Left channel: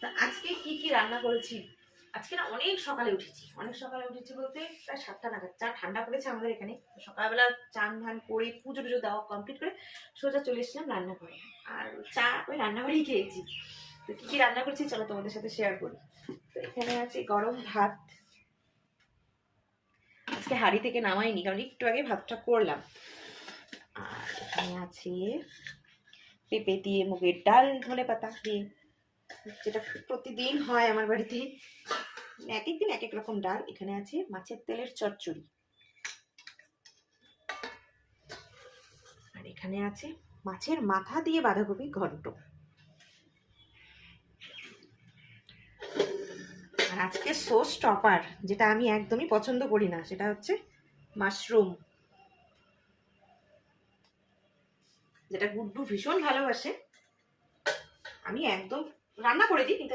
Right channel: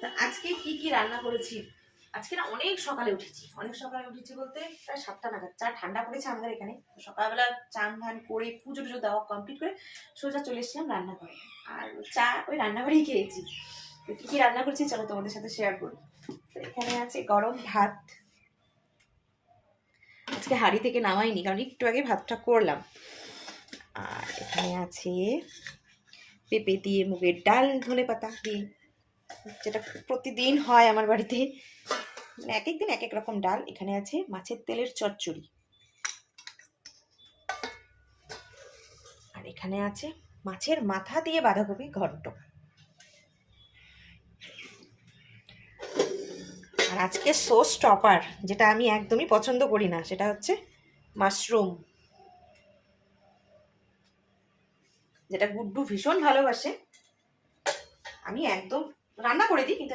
তা আজকে কি কি রান্না করেছি? আজকে না অনেক সকালে উঠেছি। অনেক সকালে উঠেছি বলতে প্রায় সাতটা নাগাদ। চা ঠান্ডা পড়েছে আমাদের এখানে। সকালবেলা চান ধান করে পুজো টুজো দেওয়া কমপ্লিট করে সোজা চলে এসেছিলাম রান্না করে। আর চা ওই রান্নাঘরেই খেয়েছি। তো কী কী রান্না করেছি চলো তোমাদের সাথে শেয়ার করি। তো এখানে আছে গরম ভাত। আজকে হাঁড়ি থেকে নামাইনি, কারণ একটু আগে ভাতটা করলাম। আর এখানে আছে পেঁপে দিয়ে মুগের ডাল ধনে পাতা দিয়ে। যেটা প্রতিদিন হয় আমার বাড়িতে। মানে এক এক দিন এক এক রকম ডাল। এখানে আছে মাছের তেলের চচ্চড়ি। আর এখানে আছে মাছের মাথা দিয়ে বাঁধাকপি ঘন্ট। আর আজকে সোস টপার যেটা আমি একদমই পছন্দ করি না, সেটা হচ্ছে মাশরুম যেটা গুড্ডু ভীষণ ভালোবাসে। আমি একদম রান্না করে দিই কিন্তু